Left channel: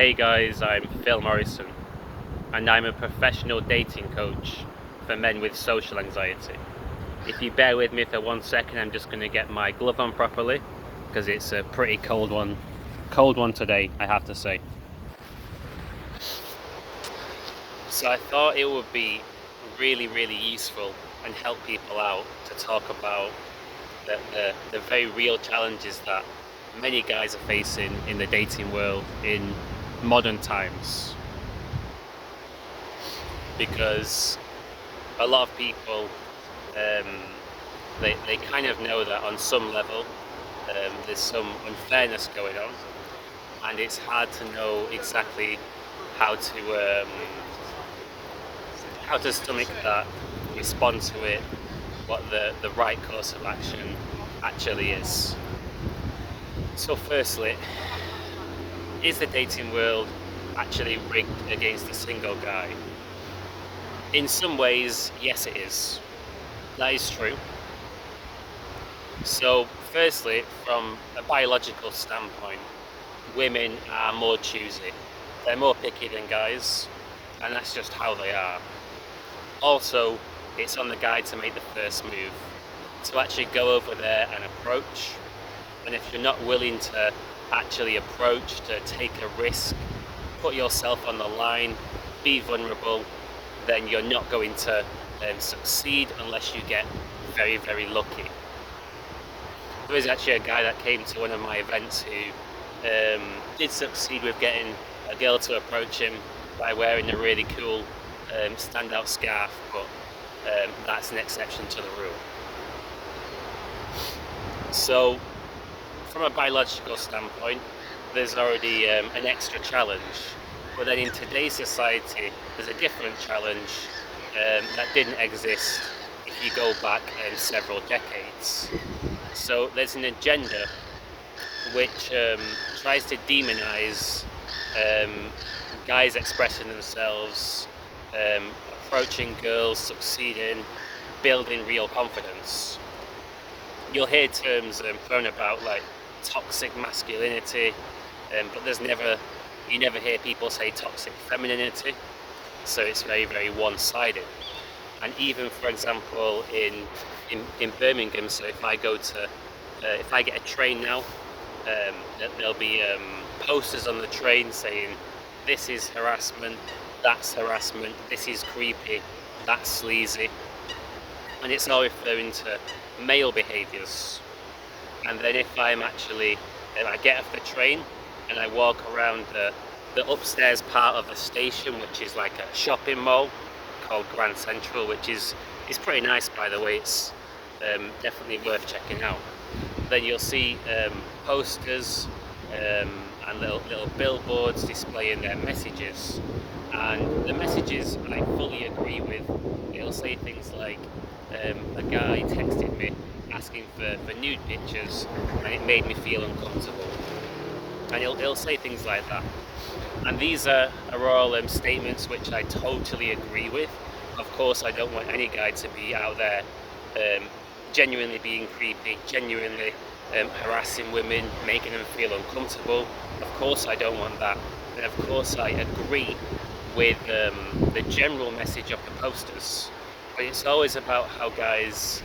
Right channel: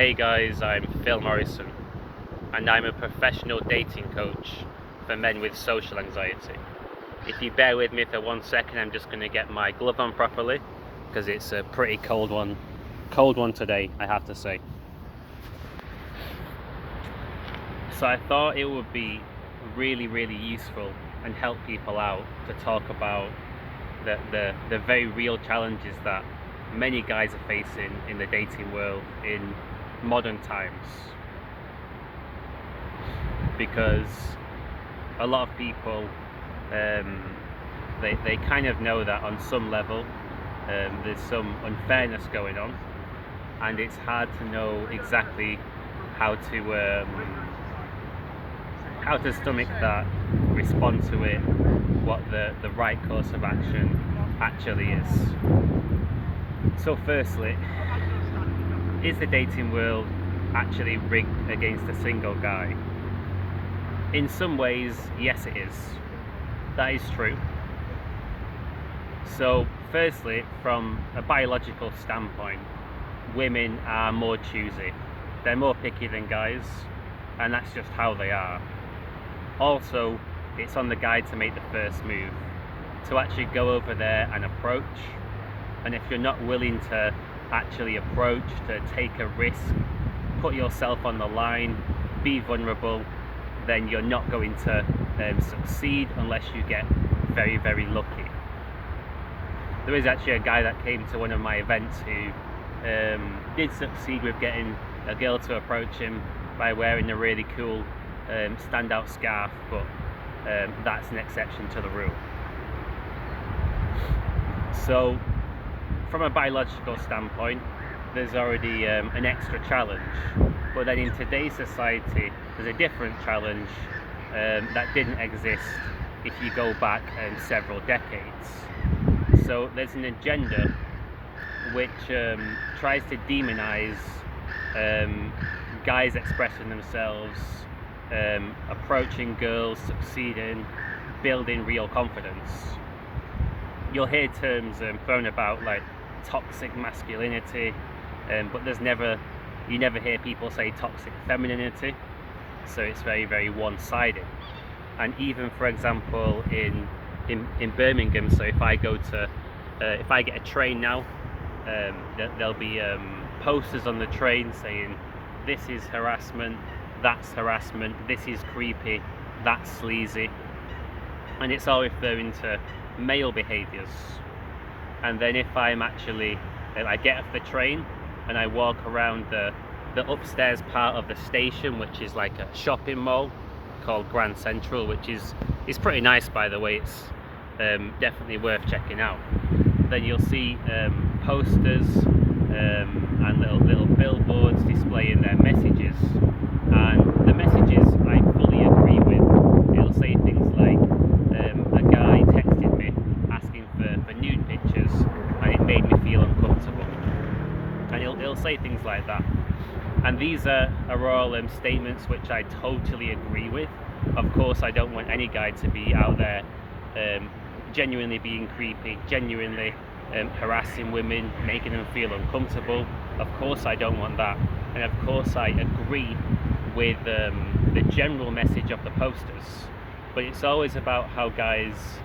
Hey guys, I'm Phil Morrison and I'm a professional dating coach for men with social anxiety. If you bear with me for 1 second, I'm just going to get my glove on properly because it's a pretty cold one today, I have to say. So I thought it would be really useful and help people out to talk about the very real challenges that many guys are facing in the dating world in modern times, because a lot of people they kind of know that on some level there's some unfairness going on, and it's hard to know exactly how to stomach that, respond to it, what the right course of action actually is. So firstly, is the dating world actually rigged against a single guy? In some ways, yes it is. That is true. So firstly, from a biological standpoint, women are more choosy. They're more picky than guys, and that's just how they are. Also, it's on the guy to make the first move, to actually go over there and approach. And if you're not willing to actually approach, to take a risk, put yourself on the line, be vulnerable, then you're not going to succeed unless you get very lucky. There is actually a guy that came to one of my events who did succeed with getting a girl to approach him by wearing a really cool standout scarf, but that's an exception to the rule. So from a biological standpoint, there's already an extra challenge, but then in today's society there's a different challenge that didn't exist if you go back several decades. So there's an agenda which tries to demonize guys expressing themselves, approaching girls, succeeding, building real confidence. You'll hear terms thrown about like toxic masculinity, but you never hear people say toxic femininity. So it's very one-sided. And even, for example, in Birmingham, so if I get a train now, there'll be posters on the train saying this is harassment, that's harassment, this is creepy, that's sleazy, and it's all referring to male behaviours. And then if I get off the train and I walk around the upstairs part of the station, which is like a shopping mall called Grand Central, which is pretty nice, by the way. It's definitely worth checking out. Then you'll see posters and little billboards displaying their messages, and the messages I fully agree with. It'll say things like a guy texted me asking for nude pictures and it made me feel uncomfortable, and it'll say things like that. And these are all statements which I totally agree with. Of course, I don't want any guy to be out there genuinely being creepy, genuinely harassing women, making them feel uncomfortable. Of course I don't want that. And of course I agree with the general message of the posters. But it's always about how guys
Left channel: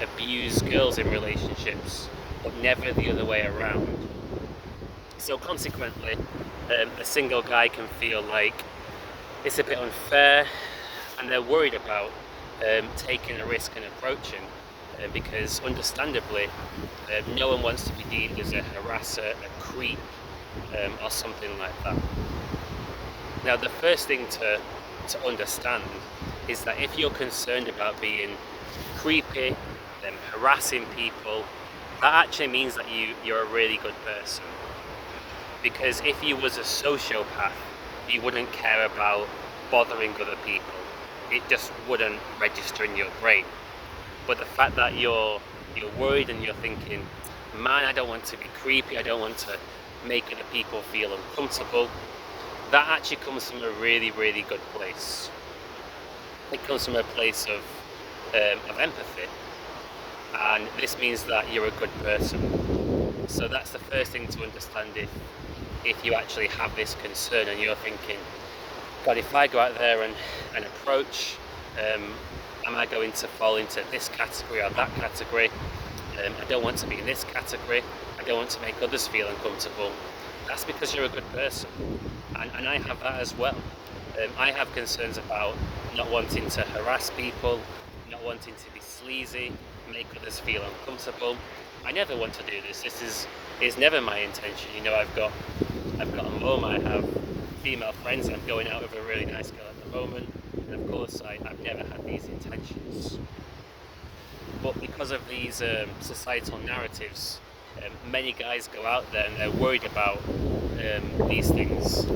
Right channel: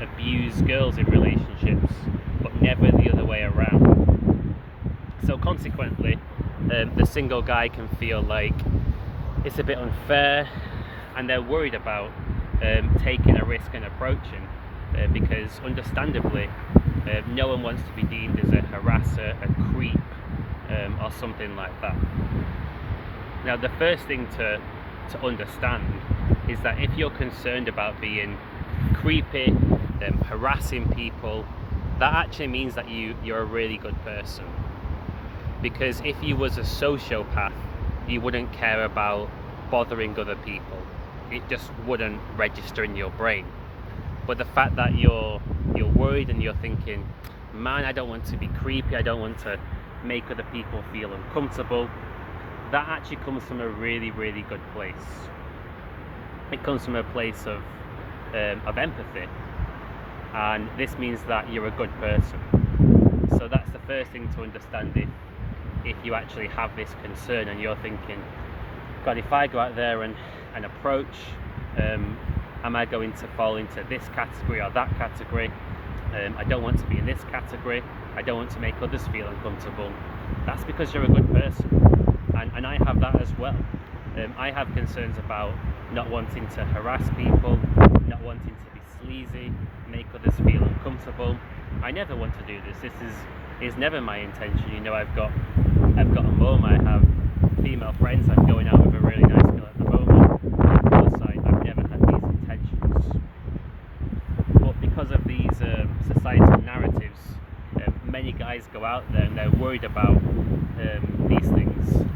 abuse girls in relationships, but never the other way around. So consequently, the single guy can feel like it's a bit unfair, and they're worried about taking a risk and approaching, because understandably no one wants to be deemed as a harasser, a creep, or something like that. Now the first thing to understand is that if you're concerned about being creepy, harassing people, that actually means that you're a really good person. Because if you was a sociopath, you wouldn't care about bothering other people. It just wouldn't register in your brain. But the fact that you're worried and you're thinking, man, I don't want to be creepy, I don't want to make other people feel uncomfortable, that actually comes from a really good place. It comes from a place of empathy, and this means that you're a good person. So that's the first thing to understand. if you actually have this concern and you're thinking, God, if I go out there and approach, am I going to fall into this category or that category? I don't want to be in this category. I don't want to make others feel uncomfortable. That's because you're a good person. And I have that as well. I have concerns about not wanting to harass people, not wanting to be sleazy, make others feel uncomfortable. I never want to do this. This is never my intention. You know, I've got a mum, I have female friends, I'm going out with a really nice girl at the moment. Of course, I've never had these intentions. But because of these societal narratives, many guys go out there and they're worried about these things.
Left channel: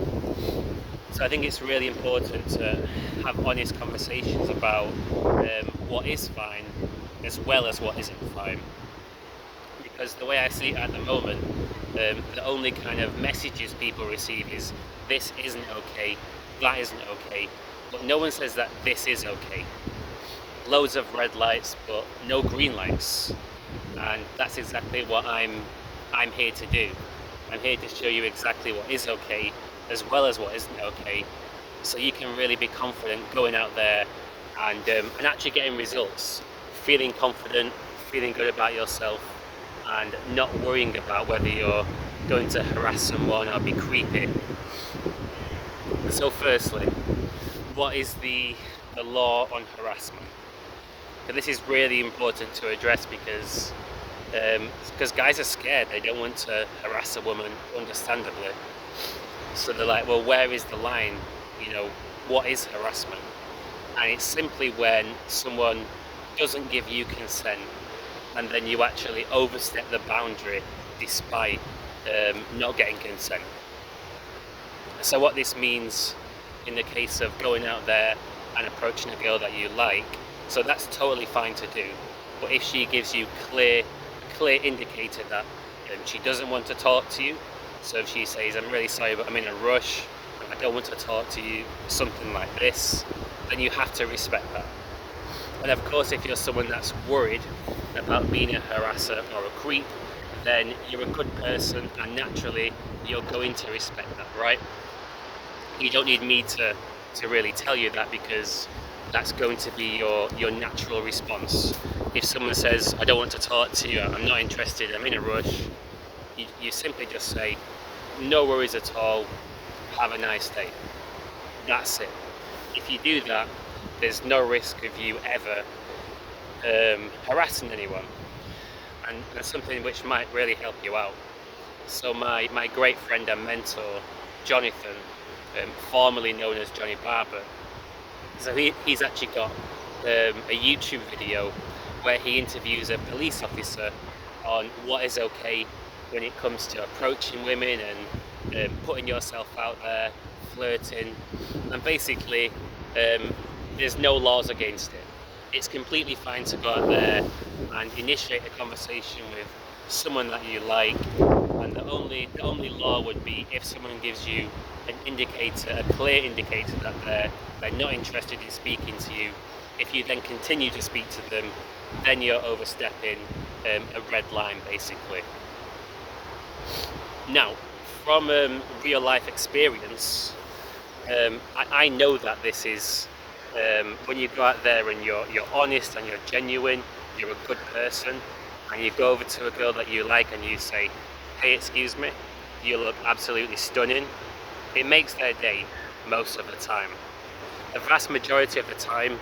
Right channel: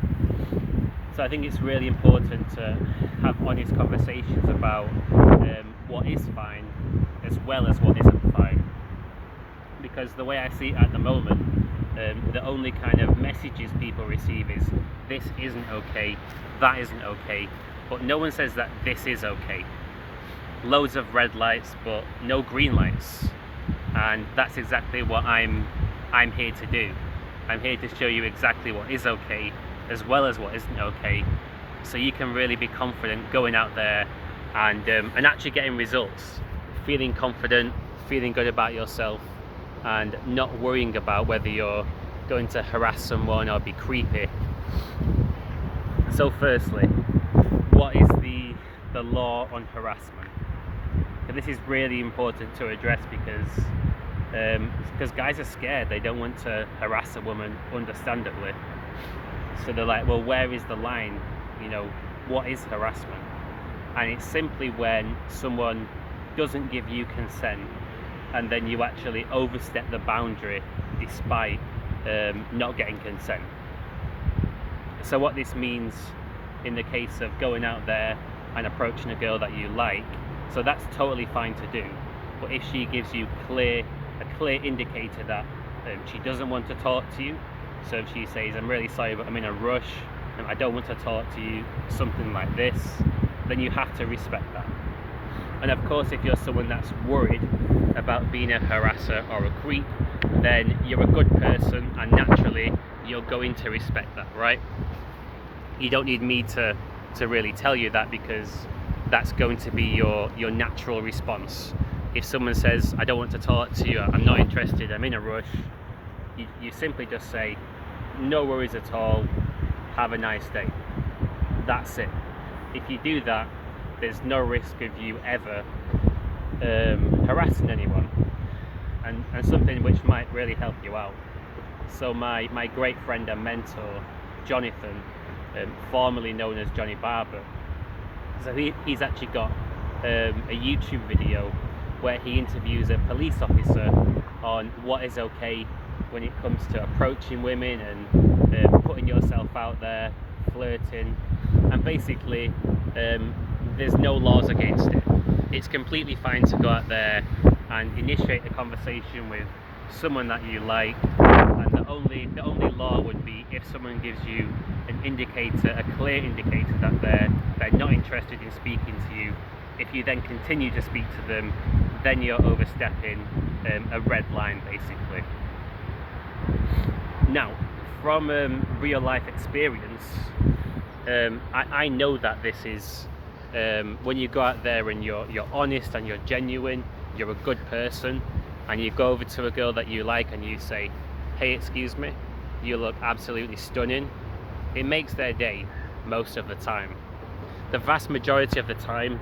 So I think it's really important to have honest conversations about what is fine as well as what isn't fine. Because the way I see it at the moment, the only kind of messages people receive is this isn't okay, that isn't okay, but no one says that this is okay. Loads of red lights but no green lights, and that's exactly what I'm here to do. I'm here to show you exactly what is okay as well as what isn't okay, so you can really be confident going out there and actually getting results, feeling confident, feeling good about yourself, and not worrying about whether you're going to harass someone or be creepy. So firstly, what is the law on harassment? So this is really important to address because guys are scared. They don't want to harass a woman, understandably. So they're like, well, where is the line? You know, what is harassment? And it's simply when someone doesn't give you consent and then you actually overstep the boundary despite not getting consent. So what this means in the case of going out there and approaching a girl that you like, so that's totally fine to do. But if she gives you a clear indicator that she doesn't want to talk to you, so if she says, I'm really sorry but I'm in a rush and I don't want to talk to you, something like this, then you have to respect that. And of course, if you're someone that's worried about being a harasser or a creep, then you're a good person and naturally you're going to respect that, right? You don't need me to really tell you that, because that's going to be your natural response. If someone says, I don't want to talk to you, I'm not interested, I'm in a rush, you simply just say, no worries at all, have a nice day. That's it. If you do that, there's no risk of you ever harassing anyone, and something which might really help you out. So my great friend and mentor, Jonathan, formerly known as Johnny Barber, so he's actually got a YouTube video where he interviews a police officer on what is okay when it comes to approaching women and putting yourself out there, flirting, and basically there's no laws against it. It's completely fine to go out there and initiate a conversation with someone that you like, and the only law would be if someone gives you an indicator, a clear indicator that they're not interested in speaking to you. If you then continue to speak to them, then you're overstepping a red line, basically. Now, from real life experience, I know that this is when you go out there and you're honest and you're genuine, you're a good person, and you go over to a girl that you like and you say, hey, excuse me, you look absolutely stunning, it makes their day most of the time. The vast majority of the time,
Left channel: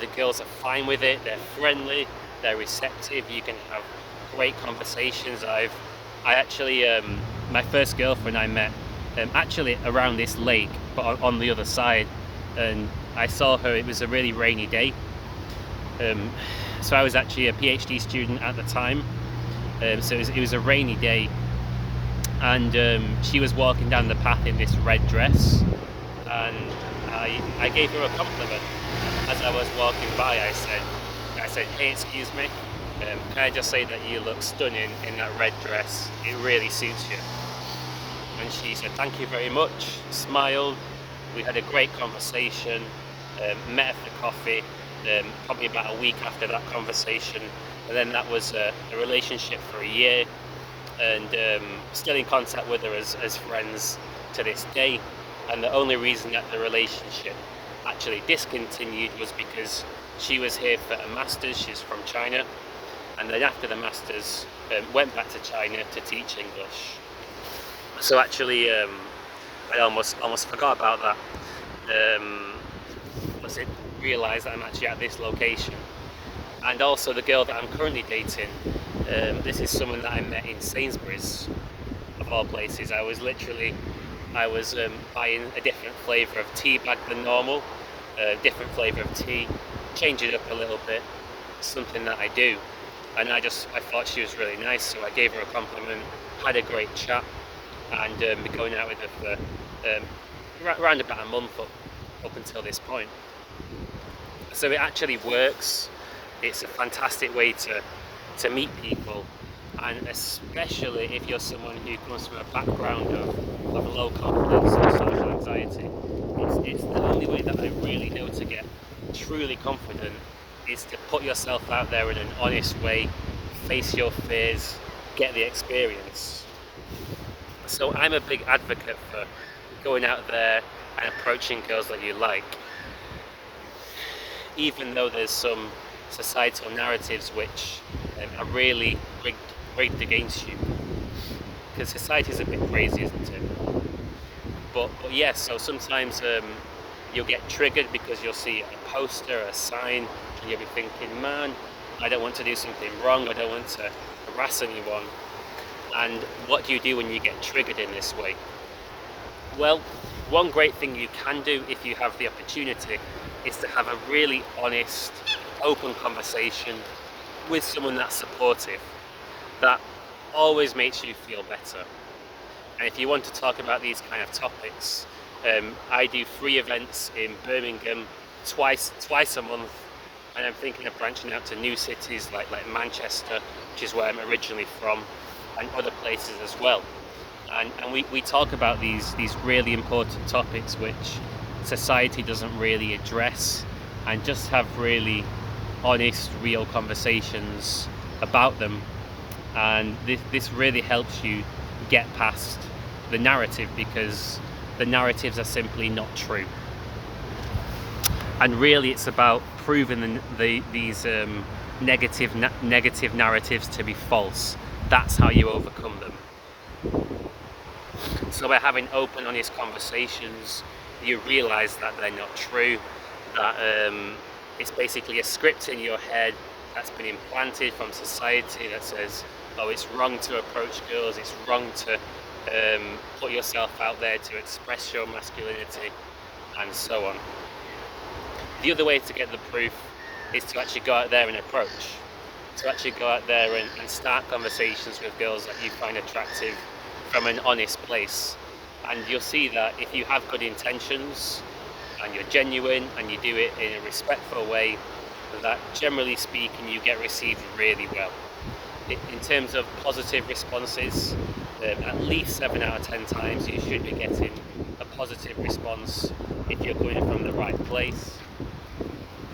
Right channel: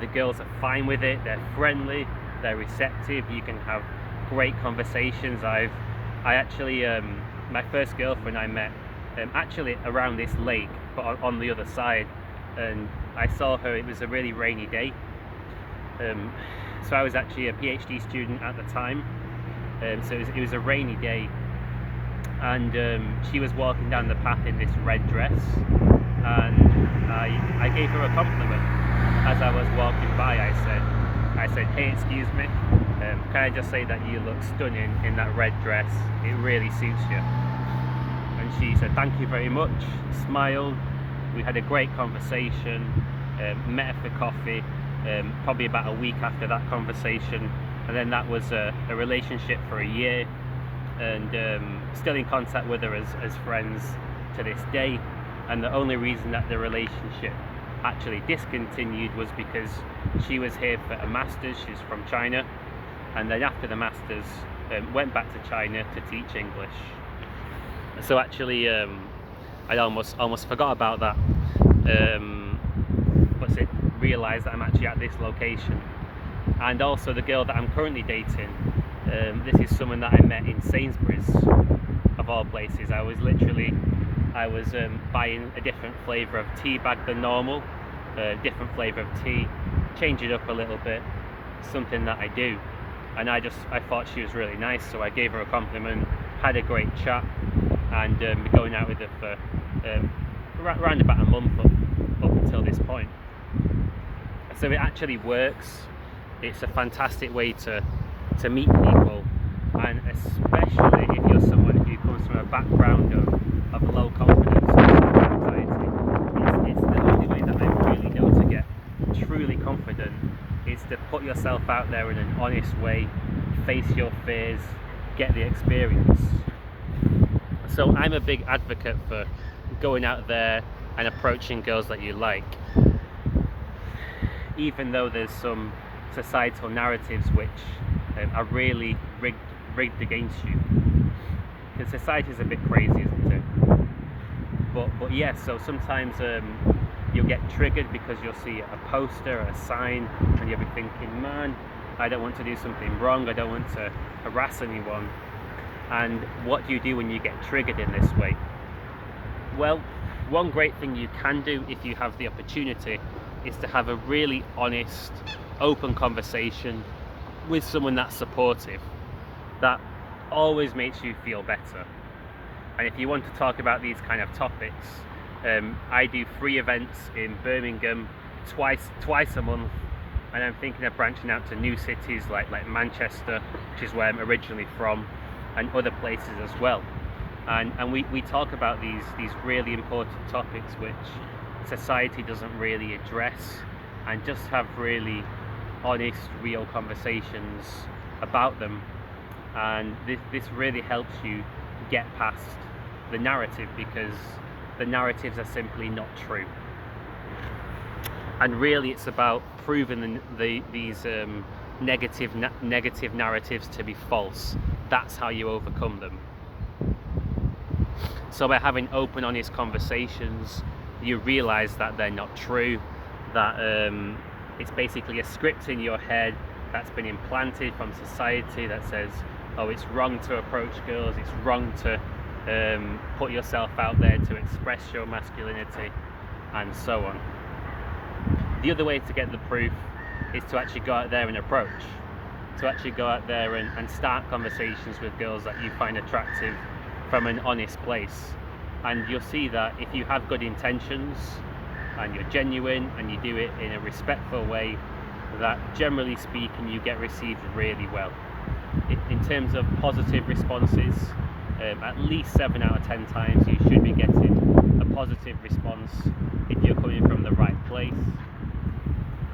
the girls are fine with it, they're friendly, they're receptive, you can have great conversations. I actually, my first girlfriend I met actually around this lake, but on the other side, and I saw her, it was a really rainy day. So I was actually a PhD student at the time, so it was a rainy day, and she was walking down the path in this red dress, and I gave her a compliment. As I was walking by, I said, hey, excuse me, can I just say that you look stunning in that red dress, it really suits you. And she said, thank you very much, smiled, we had a great conversation, met her for coffee, probably about a week after that conversation, and then that was a relationship for a year. and still in contact with her as friends to this day. And the only reason that the relationship actually discontinued was because she was here for a master's. She's from China, and then after the master's went back to China to teach English. So actually I almost forgot about that. Realised that I'm actually at this location. And also the girl that I'm currently dating, this is someone that I met in Sainsbury's, of all places. I was buying a different flavour of tea bag than normal, a different flavour of tea, change it up a little bit, something that I do. And I thought she was really nice, so I gave her a compliment, had a great chat, and been going out with her for around about a month up until this point. So it actually works. It's a fantastic way to meet people, and especially if you're someone who comes from a background of low confidence or social anxiety. It's the only way that I really know to get truly confident is to put yourself out there in an honest way, face your fears, get the experience. So I'm a big advocate for going out there and approaching girls that you like, even though there's some societal narratives which are really rigged against you, because society is a bit crazy, isn't it? But yeah, so sometimes you'll get triggered because you'll see a poster, a sign, and you'll be thinking, man, I don't want to do something wrong, I don't want to harass anyone. And what do you do when you get triggered in this way? Well, one great thing you can do if you have the opportunity is to have a really honest, open conversation with someone that's supportive. That always makes you feel better. And if you want to talk about these kind of topics, I do free events in Birmingham twice a month, and I'm thinking of branching out to new cities like Manchester, which is where I'm originally from, and other places as well. And we talk about these really important topics which society doesn't really address, and just have really honest, real conversations about them. And this really helps you get past the narrative, because the narratives are simply not true. And really it's about proving these negative narratives to be false. That's how you overcome them. So by having open, honest conversations, you realise that they're not true, that it's basically a script in your head that's been implanted from society that says, oh, it's wrong to approach girls, it's wrong to put yourself out there to express your masculinity, and so on. The other way to get the proof is to actually go out there and approach, to actually go out there and start conversations with girls that you find attractive from an honest place. And you'll see that if you have good intentions and you're genuine and you do it in a respectful way, that generally speaking you get received really well. In terms of positive responses, at least 7 out of 10 times you should be getting a positive response if you're coming from the right place.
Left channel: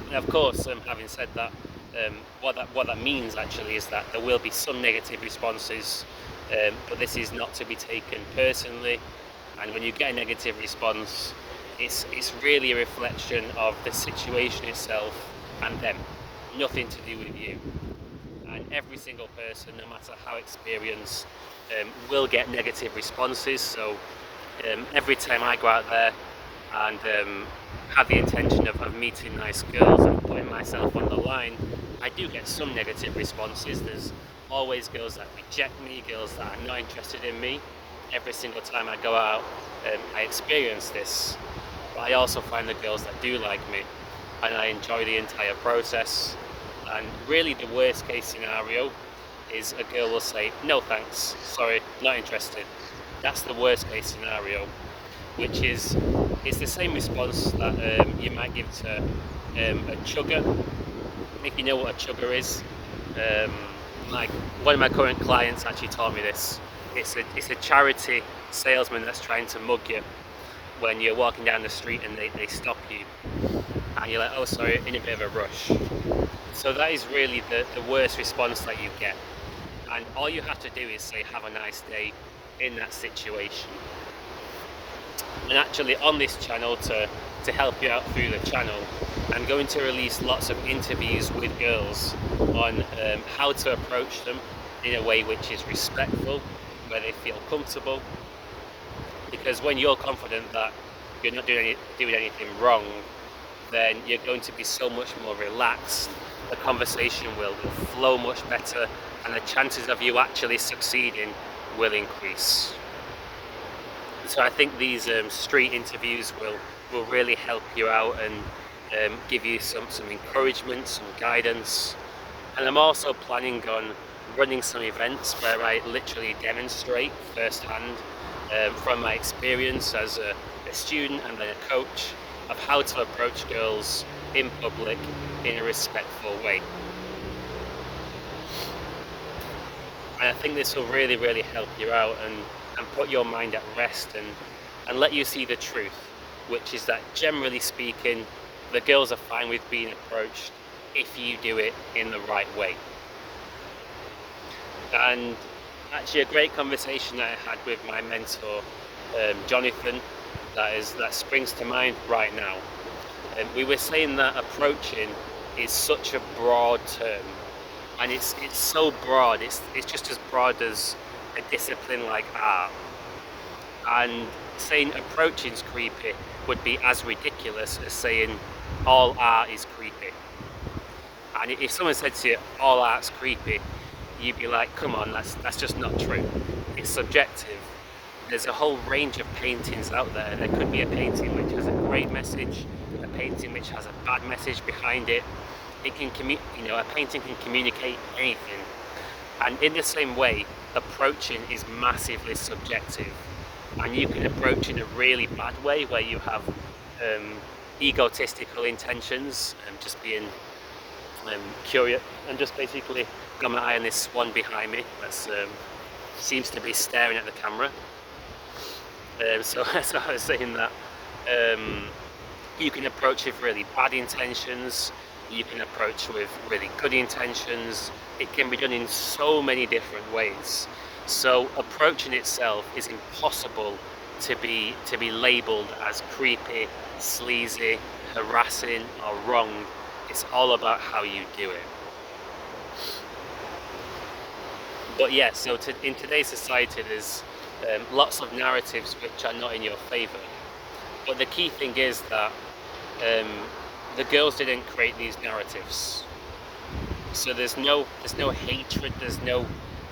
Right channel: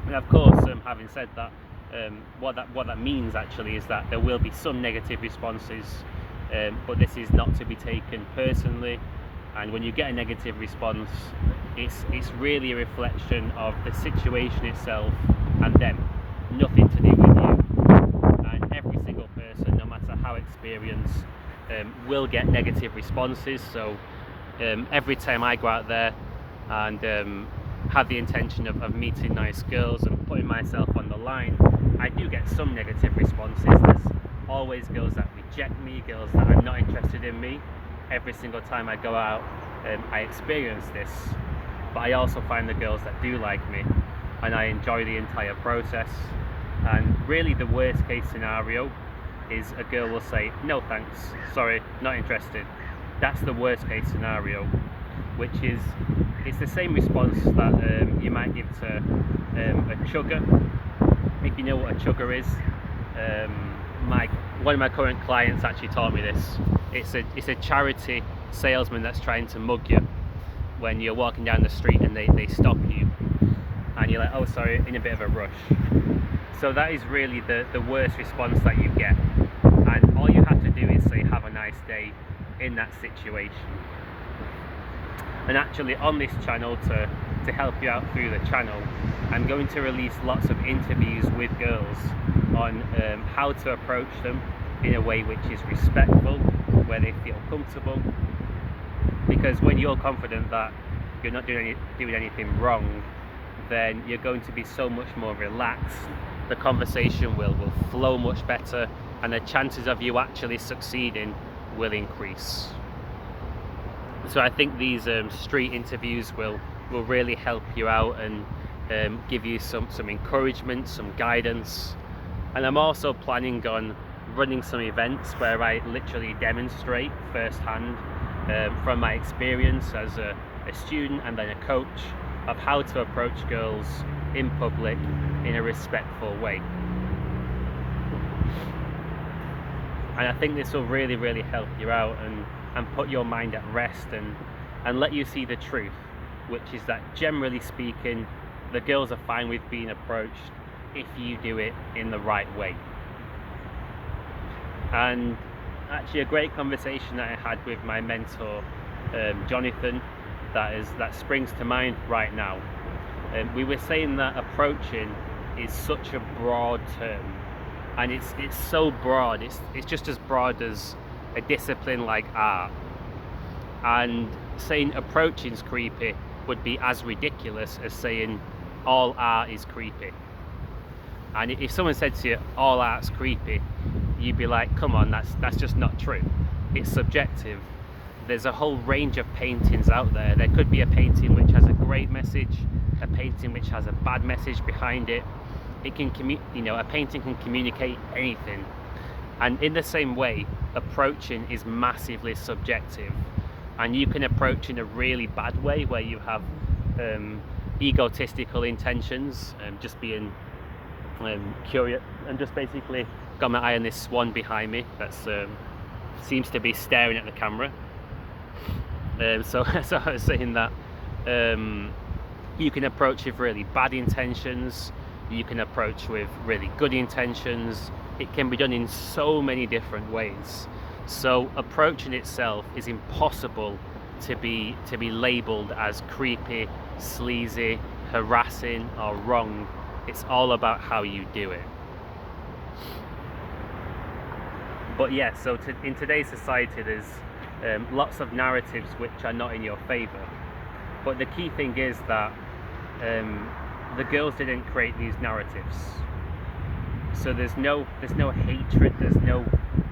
And of course, having said that, what that means actually is that there will be some negative responses, but this is not to be taken personally. And when you get a negative response, it's really a reflection of the situation itself and them, nothing to do with you. And every single person, no matter how experienced, will get negative responses. So every time I go out there and have the intention of meeting nice girls and putting myself on the line, I do get some negative responses. There's always girls that reject me, girls that are not interested in me. Every single time I go out, I experience this. But I also find the girls that do like me, and I enjoy the entire process. And really the worst case scenario is a girl will say, no thanks, sorry, not interested. That's the worst case scenario, which is, it's the same response that you might give to a chugger. If you know what a chugger is, one of my current clients actually taught me this. It's a charity salesman that's trying to mug you when you're walking down the street and they stop you and you're like, oh sorry, in a bit of a rush. So that is really the worst response that you get. and all you have to do is say have a nice day in that situation. And actually on this channel, to help you out through the channel, I'm going to release lots of interviews with girls on how to approach them in a way which is respectful, where they feel comfortable. Because when you're confident that you're not doing anything wrong, then you're going to be so much more relaxed. The conversation will flow much better, and the chances of you actually succeeding will increase. So I think these street interviews will really help you out and give you some encouragement, some guidance. And I'm also planning on running some events where I literally demonstrate firsthand from my experience as a student and then a coach of how to approach girls in public in a respectful way. And I think this will really help you out and put your mind at rest and let you see the truth, which is that generally speaking, the girls are fine with being approached if you do it in the right way. And actually a great conversation that I had with my mentor, Jonathan, that springs to mind right now. We were saying that approaching is such a broad term, and it's so broad, it's just as broad as a discipline like art. And saying approaching's creepy would be as ridiculous as saying all art is creepy. And if someone said to you all art's creepy, you'd be like, come on, that's just not true. It's subjective. There's a whole range of paintings out there. There could be a painting which has a great message, a painting which has a bad message behind it. A painting can communicate anything. And in the same way, approaching is massively subjective. And you can approach in a really bad way where you have egotistical intentions, just being curious, and just basically got my eye on this swan behind me that seems to be staring at the camera. So I was saying that you can approach with really bad intentions, you can approach with really good intentions. It can be done in so many different ways. So approaching itself is impossible to be labeled as creepy, sleazy, harassing or wrong. It's all about how you do it. But yeah, so in today's society there's lots of narratives which are not in your favor. But the key thing is that the girls didn't create these narratives. So there's no hatred, there's no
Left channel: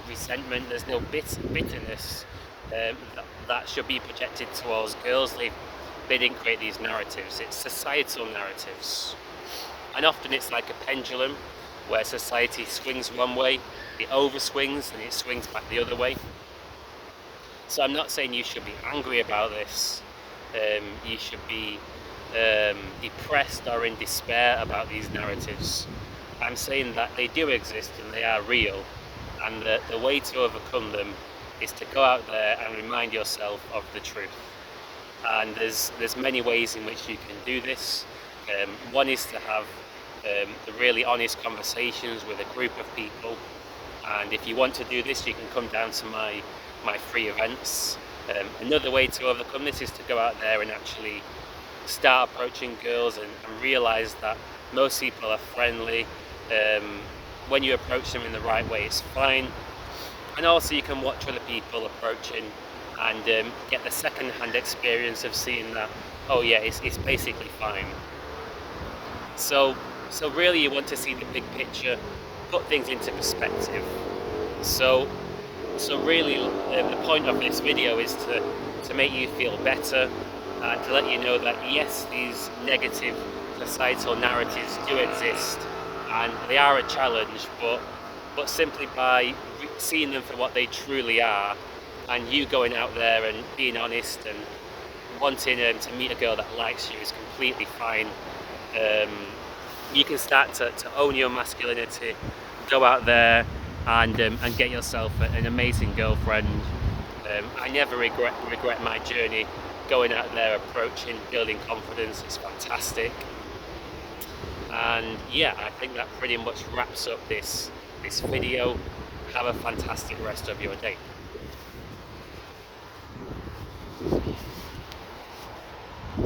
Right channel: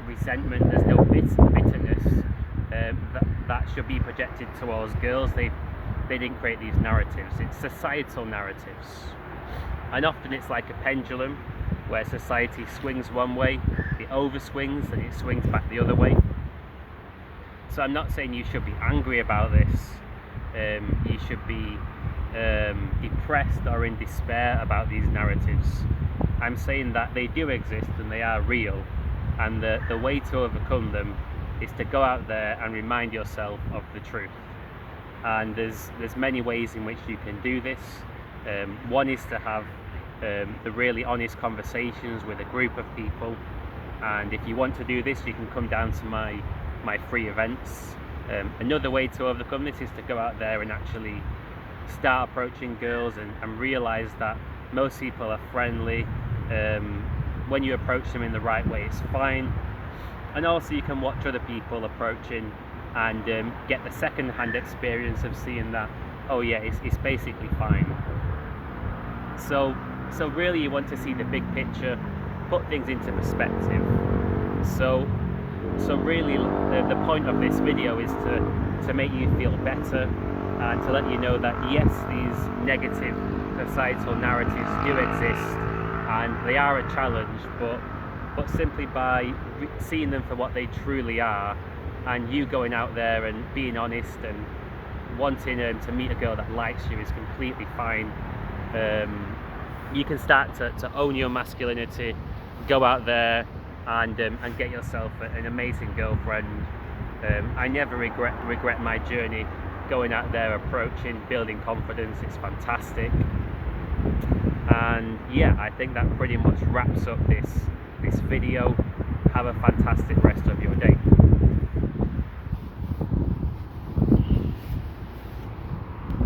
resentment, there's no bitterness that should be projected towards girls. They didn't create these narratives. It's societal narratives. And often it's like a pendulum where society swings one way, it overswings and it swings back the other way. So I'm not saying you should be angry about this. You should be depressed or in despair about these narratives. I'm saying that they do exist and they are real, and the way to overcome them is to go out there and remind yourself of the truth. And there's many ways in which you can do this. One is to have the really honest conversations with a group of people, and if you want to do this, you can come down to my free events. Another way to overcome this is to go out there and actually start approaching girls and realize that most people are friendly. When you approach them in the right way, it's fine. And also you can watch other people approaching and get the second-hand experience of seeing that, oh yeah, it's basically fine. So really you want to see the big picture, put things into perspective. So really the point of this video is to make you feel better and to let you know that yes, these negative societal narratives do exist and they are a challenge, but simply by seeing them for what they truly are, and you going out there and being honest and wanting to meet a girl that likes you is completely fine. You can start to own your masculinity, go out there and get yourself an amazing girlfriend. I never regret my journey going out there, approaching, building confidence. It's fantastic. And yeah, I think that pretty much wraps up this video. Have a fantastic rest of your day.